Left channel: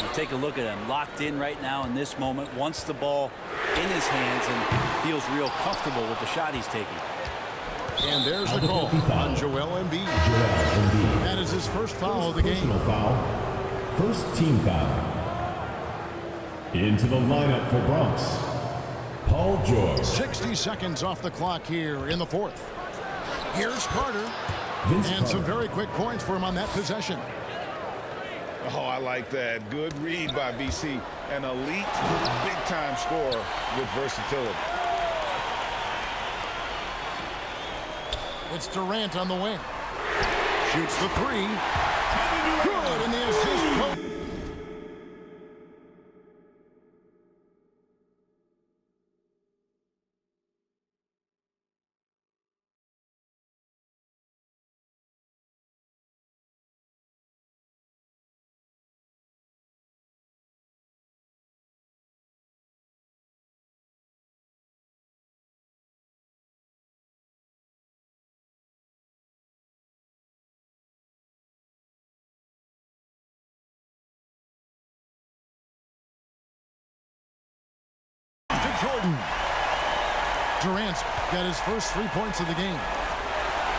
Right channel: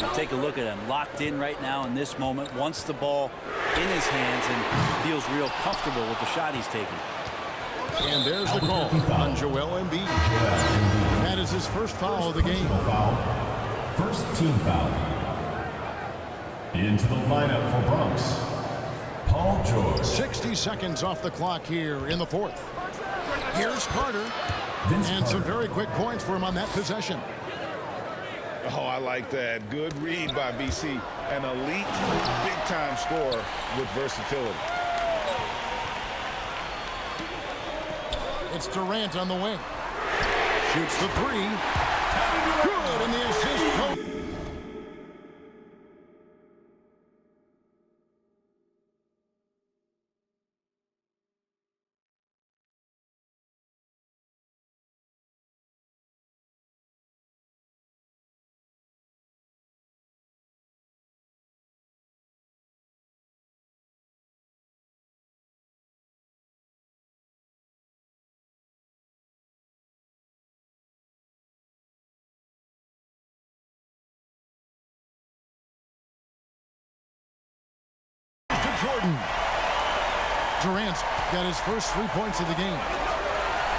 Now take a look at him, locked in right now in this moment, wants the ball in his hands and feels real comfortable with the shot he's taking. And there's the call on Joel Embiid. That is his first foul of the game. Foul. First team foul. Into the lineup for Bronx, Paul George. 60 seconds off the clock here in the fourth. Here's Carter. And some very quick points for him on that possession. Oh, I like that. Good read by BC. An elite, big-time scorer with versatility. It's Durant on the wing. Shoots the three. Good, and the assist goes. To Jordan. Durant's got his first 3 points of the game.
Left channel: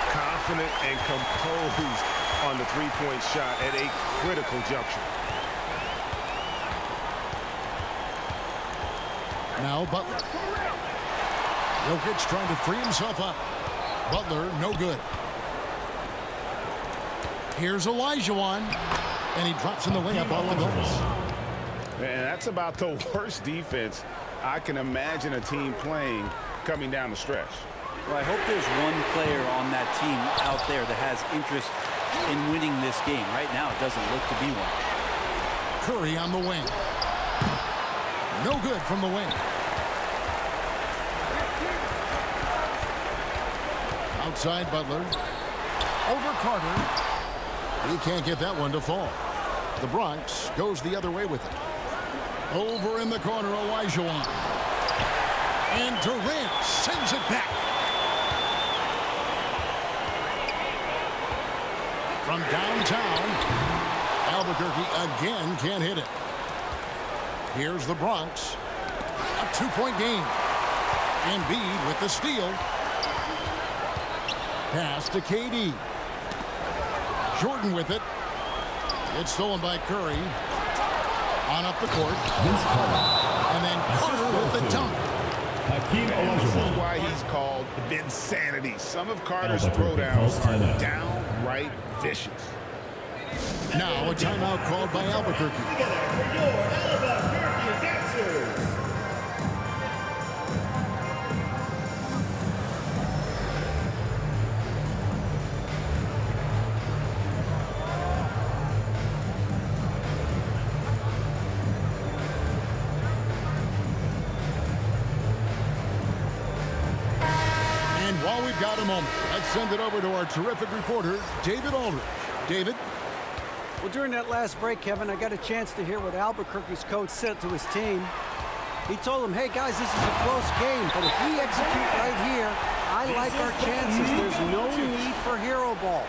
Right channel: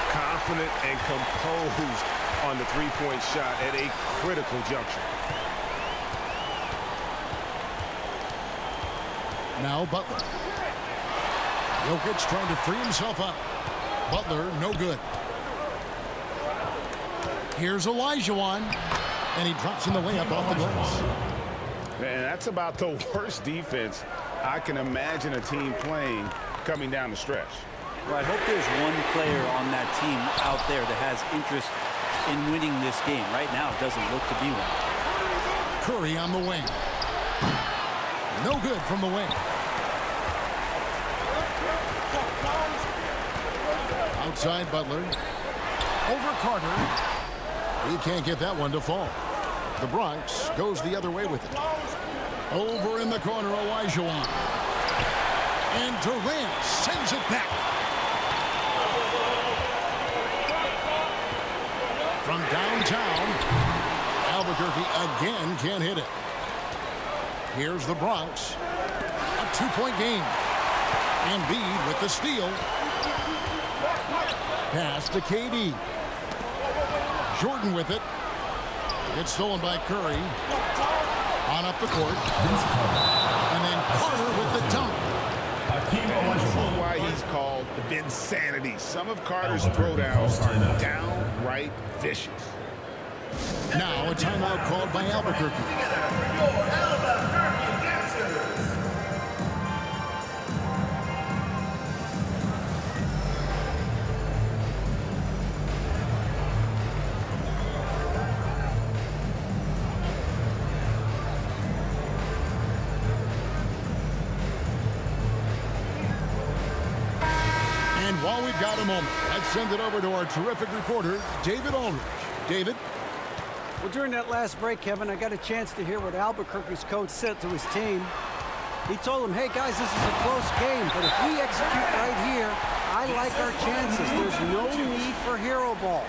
Confident and composed on the three-point shot at a critical juncture. Now Butler. Jokic trying to free himself up. Butler, no good. Here's Olajuwon, and he drops in the layup off the glass. And that's about the worst defense I can imagine a team playing coming down the stretch. Well, I hope there's one player on that team out there that has interest in winning this game. Right now, it doesn't look to be one. Curry on the wing. No good from the wing. Outside Butler. Over Carter. He can't get that one to fall. The Bronx goes the other way with it. Over in the corner, Olajuwon. And Durant sends it back. From downtown, Albuquerque again can't hit it. Here's the Bronx. A 2-point game. Embiid with the steal. Pass to KD. Jordan with it. It's stolen by Curry. On up the court. And then Carter with the dunk. And this is why he's called Vinsanity. Some of Carter's throwdowns are downright vicious. Now a timeout called by Albuquerque. And while we've got a moment, let's send it over to our terrific reporter, David Aldridge. David? Well, during that last break, Kevin, I got a chance to hear what Albuquerque's coach said to his team. He told them, hey, guys, this is a close game, but if we execute right here, I like our chances. There's no need for hero ball.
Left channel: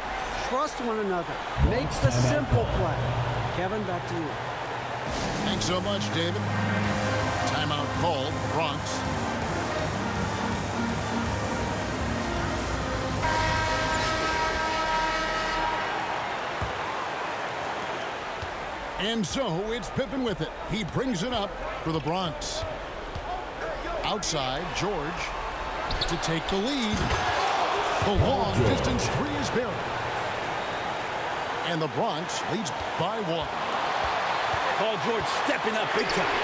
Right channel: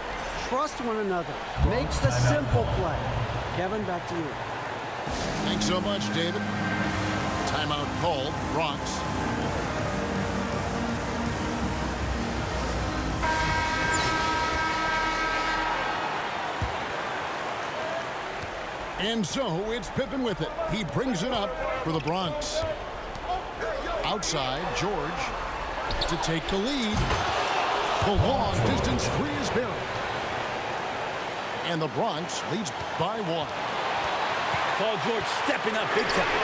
Trust one another. Makes the simple play. Kevin, back to you. Thanks so much, David. Timeout called, Bronx. And so it's Pippen with it. He brings it up for the Bronx. Outside, George to take the lead. The long distance three is buried. And the Bronx leads by 1. Paul George stepping up big time.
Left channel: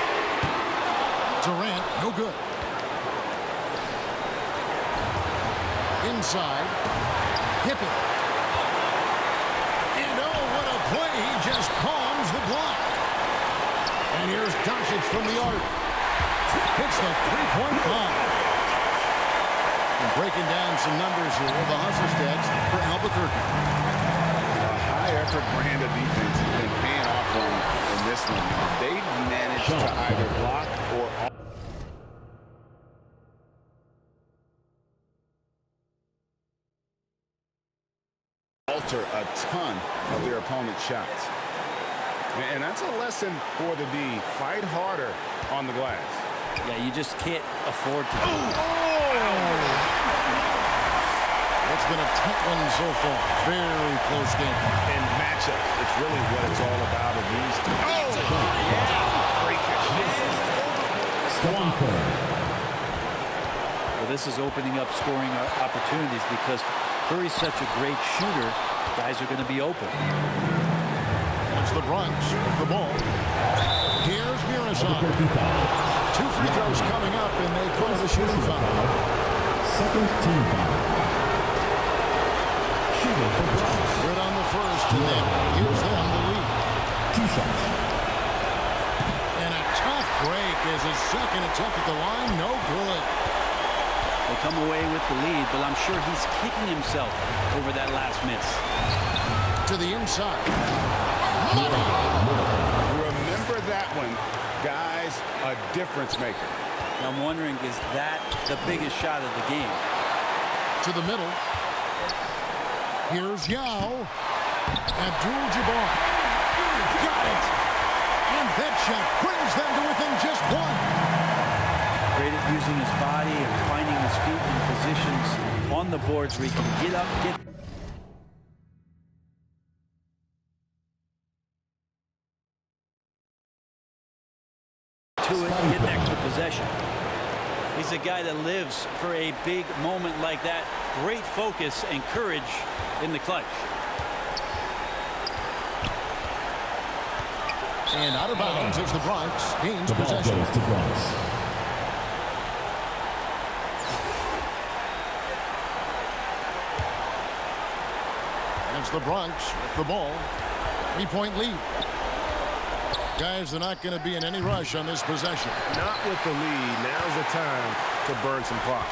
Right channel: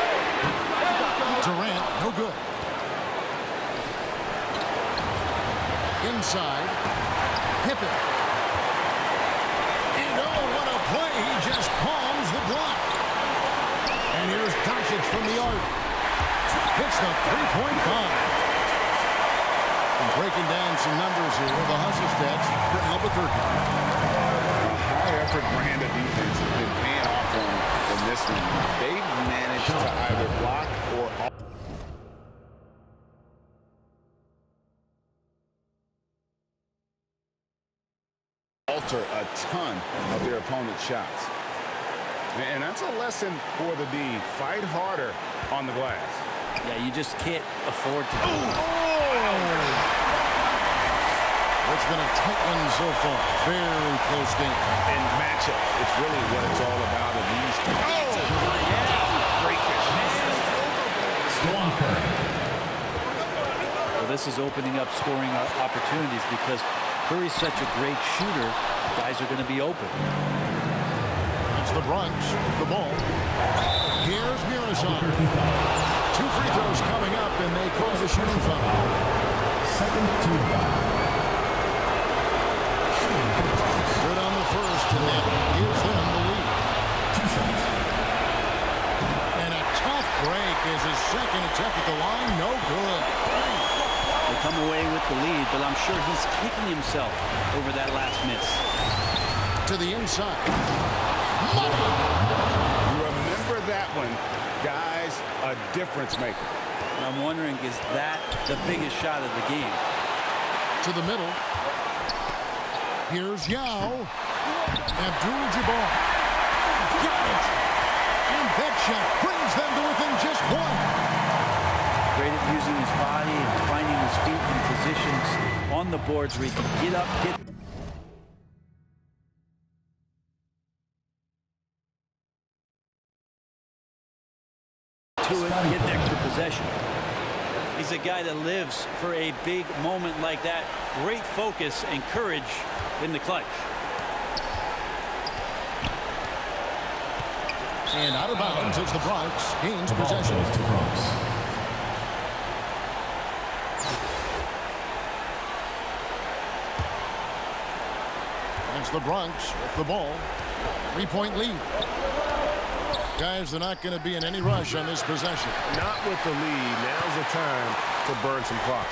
Durant, no good. Inside, Pippen. And oh, what a play. He just palms the block. And here's Doncic from the arc. Hits the three-point bomb. And breaking down some numbers here, the hustle stats for Albuquerque. A high-effort brand of defense has been paying off for them in this one. They've managed to either block or alter a ton of their opponent's shots. And that's a lesson for the D. Fight harder on the glass. Yeah, you just can't afford to. It's been a tight one so far. Very close game. And matchups, it's really what it's all about in these two. Freakish. Stephen Curry. Well, this is opening up scoring opportunities because Curry's such a great shooter. Guys are going to be open. And it's the Bronx with the ball. Here's Murasov. Albuquerque foul. 2 free throws coming up, and they call the shooting foul. Second team foul. Shooting for Bronx. Good on the first, and that gives them the lead. 2 shots. And a tough break as his second attempt at the line. No good. They come away with the lead, but I'm sure he's kicking himself over that last miss. To the inside. Money. Remember that one. Guys, a difference maker. And I'm wondering, is that the biggest shot of the game? To the middle. Here's Yao. Abdul-Jabbar. Got it. And that shot brings them to within just 1. Great at using his body and finding his feet in positions on the boards where he can get up, get to it, get an extra possession. He's a guy that lives for a big moment like that. Great focus and courage in the clutch. And out of bounds as the Bronx gains The ball possession. goes to Bronx. And it's the Bronx with the ball. 3-point lead. Guys, they're not going to be in any rush on this possession. Not with the lead. Now's the time to burn some clock.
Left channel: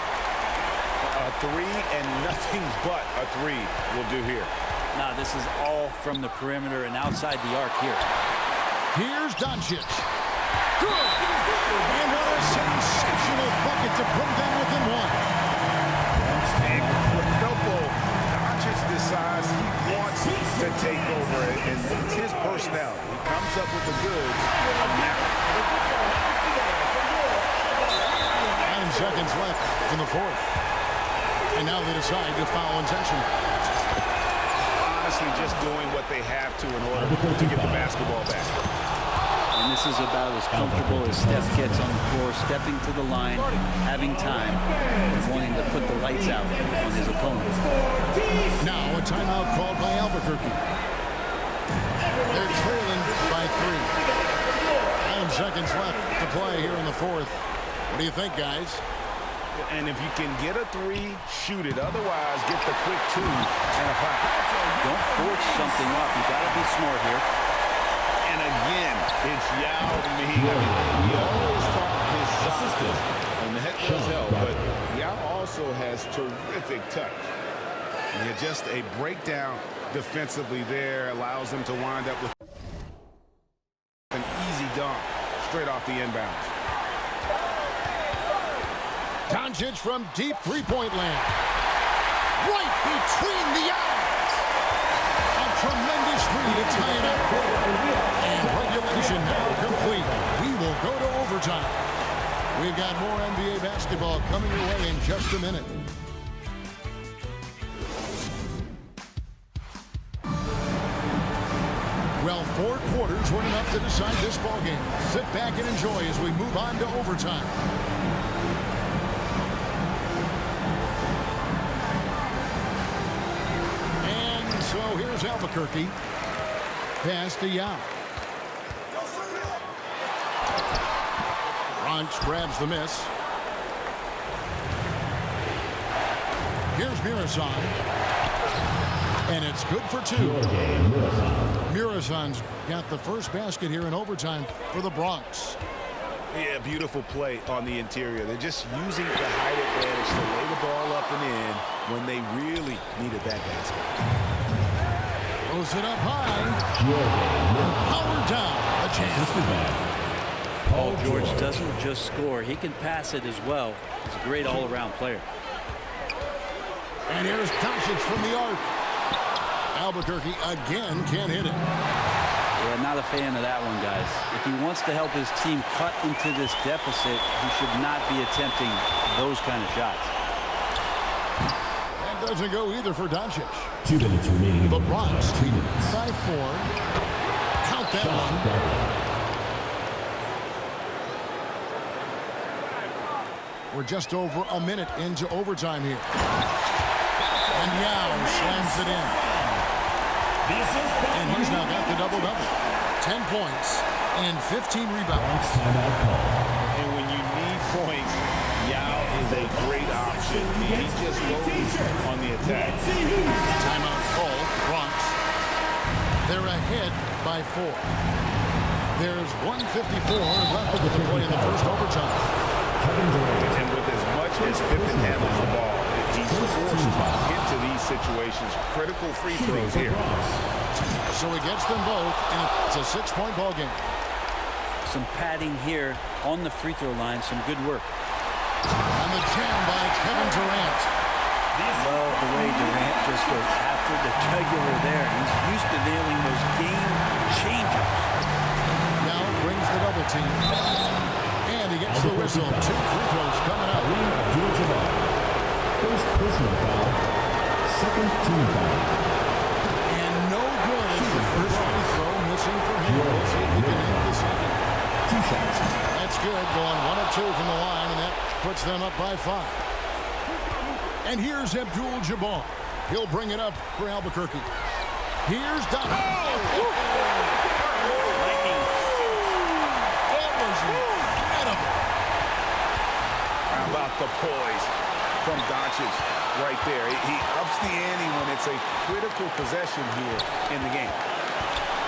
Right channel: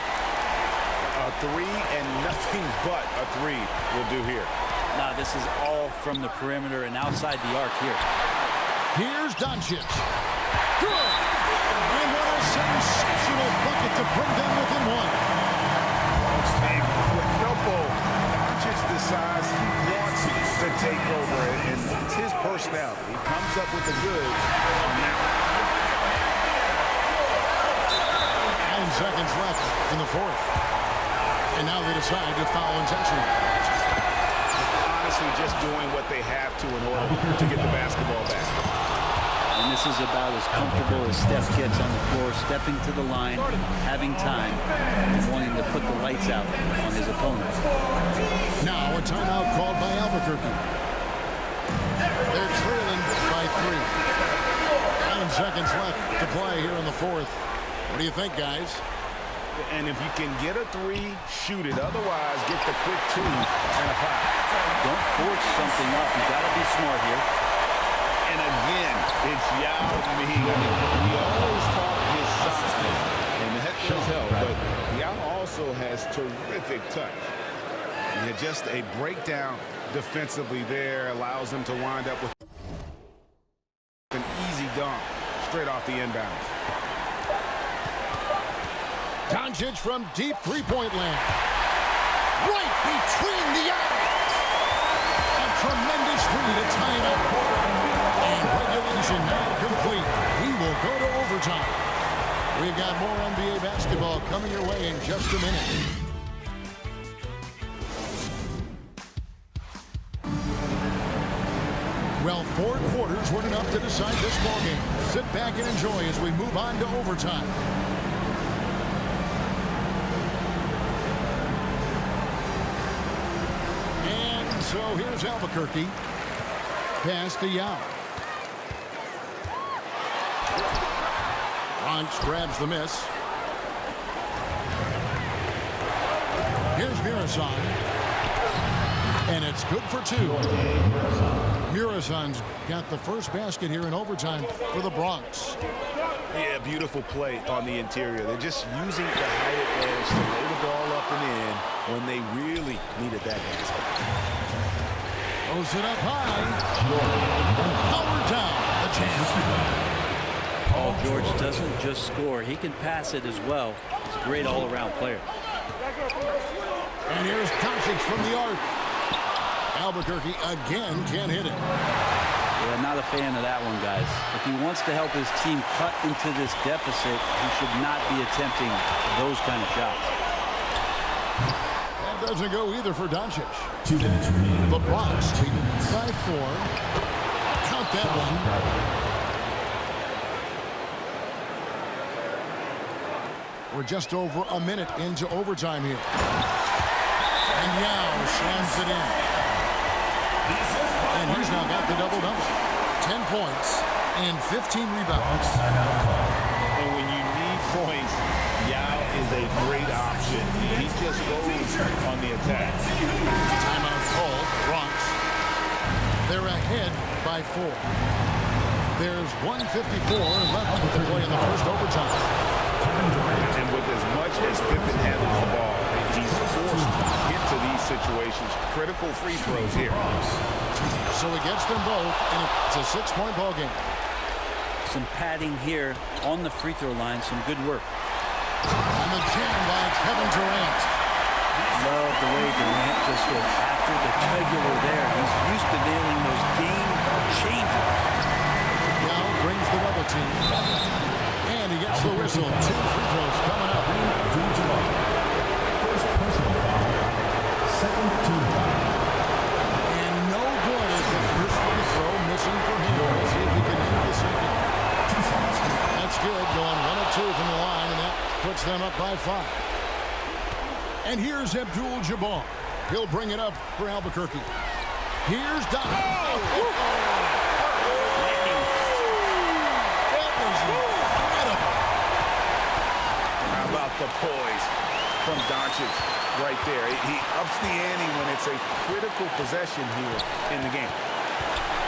A 3 and nothing but a 3 will do here. Now this is all from the perimeter and outside the arc here. Here's Doncic. Good. And what a sensational bucket to bring them within 1. Incredible. Doncic decides he wants to take over, and that's his personality. He comes up with the goods on that one. 9 seconds left in the 4th. And now they decide to foul intentionally. Honestly, just doing what they have to in order to get the basketball back. And this is about as comfortable as Steph gets on the floor, stepping to the line, having time, and wanting to put the lights out on his opponent. Now a timeout called by Albuquerque. They're trailing by 3. 9 seconds left to play here in the 4th. What do you think, guys? And if you can get a 3, shoot it. Otherwise, get the quick 2 and a foul. Don't force something up. You got to be smart here. And again, it's Yao Ming. I mean, we always talk his size, and that does help. But Yao also has terrific touch. Yeah, just a breakdown defensively there allows him to wind up with an easy dunk straight off the inbounds. Doncic from deep 3-point land. Right between the eyes. A tremendous 3 to tie it up. And regulation now complete. We will go to overtime. We've got more NBA basketball coming your way in just a minute. Well, 4 quarters weren't enough to decide this ballgame. Sit back and enjoy as we move on to overtime. And so here's Albuquerque. Pass to Yao. Bronx grabs the miss. Here's Murasov. And it's good for 2. Murasov's got the first basket here in overtime for the Bronx. Yeah, beautiful play on the interior. They're just using the height advantage to lay the ball up and in when they really needed that basket. Throws it up high. And powered down the champ. Paul George doesn't just score. He can pass it as well. He's a great all-around player. And here's Doncic from the arc. Albuquerque again can't hit it. Yeah, not a fan of that one, guys. If he wants to help his team cut into this deficit, he should not be attempting those kind of shots. That doesn't go either for Doncic. 2 minutes remaining. The Bronx lead by 4. Count that one. We're just over a minute into overtime here. And Yao slams it in. And he's now got the double-double. 10 points and 15 rebounds. Timeout call. And when you need points, Yao is a great option. He just goes on the attack. Timeout called. Bronx. They're ahead by 4. There's 1:54 left with the play in the first overtime. And with as much as Pippen handles the ball, he's forced into these situations. Critical free throws here. So he gets them both, and it's a 6-point ball game. Some padding here on the free throw line. Some good work. And the jam by Kevin Durant. Love the way Durant just goes after the jugular there. He's used to nailing those game changers. Yao brings the double team. And he gets the whistle. 2 free throws coming up. Abdul-Jabbar. First personal foul. Second team foul. And no good as the first free throw missing for him. We'll see if he can hit the second. 2 shots. That's good. Going 1 of 2 from the line, and that puts them up by 5. And here's Abdul-Jabbar. He'll bring it up for Albuquerque. Here's Doncic. Lightning. That was incredible. How about the poise from Doncic right there? He ups the ante when it's a critical possession here in the game.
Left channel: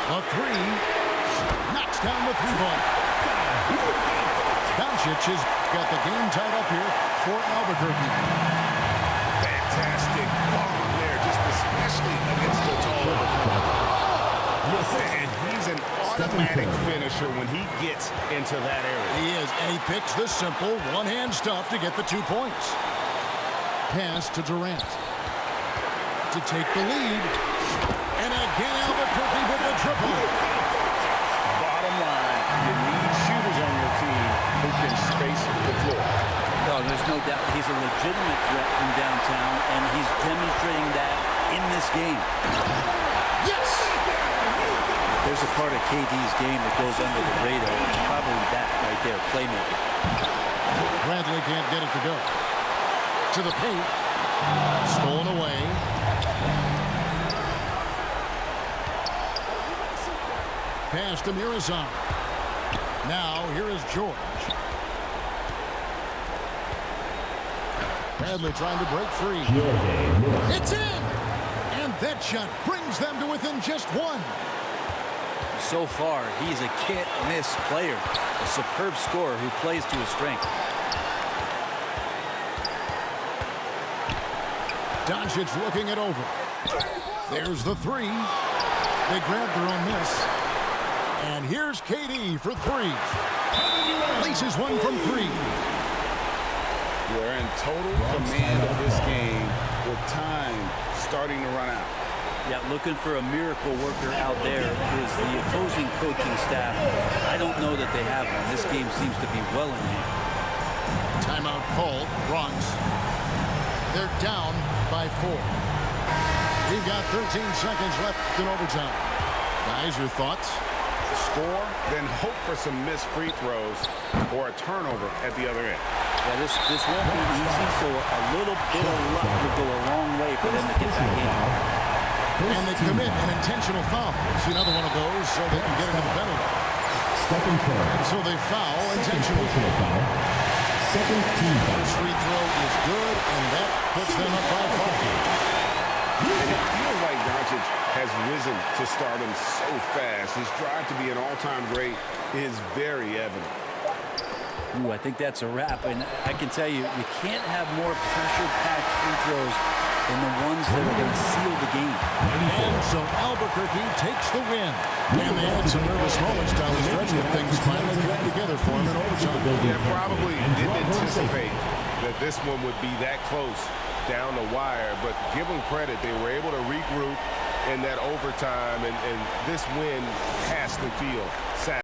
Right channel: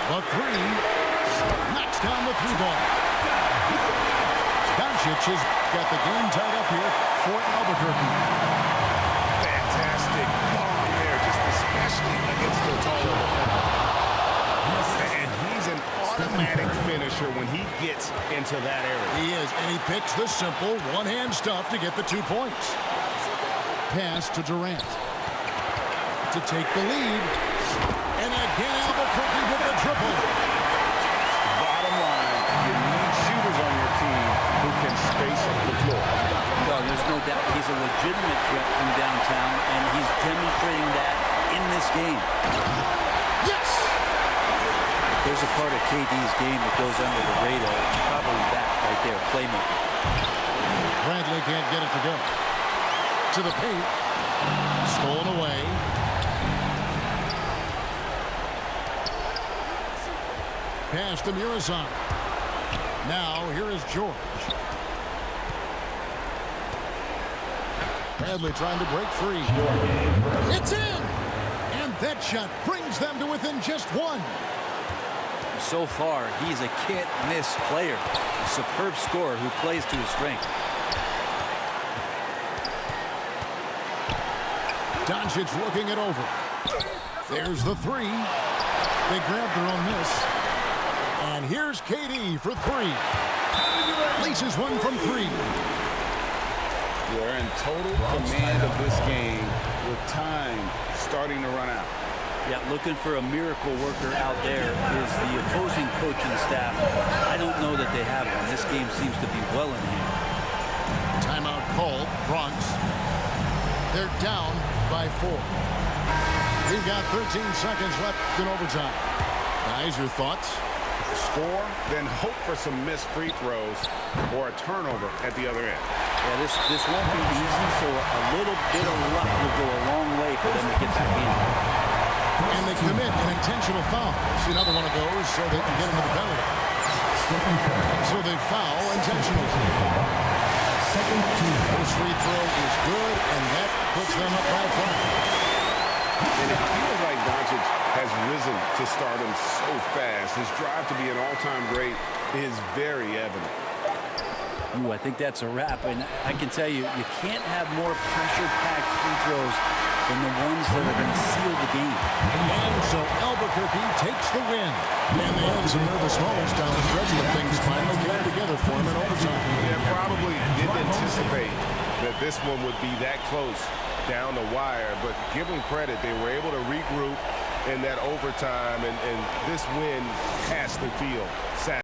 The 3 knocks down the 3 ball. Doncic has got the game tied up here for Albuquerque. Fantastic bomb there, just especially against the taller defender. And he's an automatic finisher when he gets into that area. He is, and he picks the simple one-hand stuff to get the 2 points. Pass to Durant to take the lead. And again, Albuquerque with the triple. Bottom line, you need shooters on your team who can space the floor. No, there's no doubt he's a legitimate threat from downtown, and he's demonstrating that in this game. Yes! There's a part of KD's game that goes under the radar. It's probably that right there, playmaking. Bradley can't get it to go. To the paint. Stolen away. Pass to Murazan. Now, here is George. Bradley trying to break free. It's in! And that shot brings them to within just 1. So far, he's a can't-miss player. A superb scorer who plays to his strength. Doncic looking it over. There's the 3. They grab their own miss. And here's KD for 3. Laces one from 3. They're in total command of this game with time starting to run out. Yeah, looking for a miracle worker out there is the opposing coaching staff. I don't know that they have one. This game seems to be well in hand. Timeout called. Bronx. They're down by 4. We've got 13 seconds left in overtime. Guys, your thoughts? Score, then hope for some missed free throws or a turnover at the other end. Yeah, this won't be easy, so a little bit of luck will go a long way for them to get back in. And they commit an intentional foul. See another one of those so they can get into the penalty. And so they foul intentionally. Second team foul. First free throw is good, and that puts them up by 5. And it feels like Doncic has risen to stardom so fast. His drive to be an all-time great is very evident. Ooh, I think that's a wrap, and I can tell you, you can't have more pressure-packed free throws than the ones that are going to seal the game. And so Albuquerque takes the win. And they had some nervous moments down the stretch, but things finally came together for them in overtime. Yeah, probably didn't anticipate that this one would be that close down the wire, but give them credit. They were able to regroup in that overtime, and this win has to feel sad.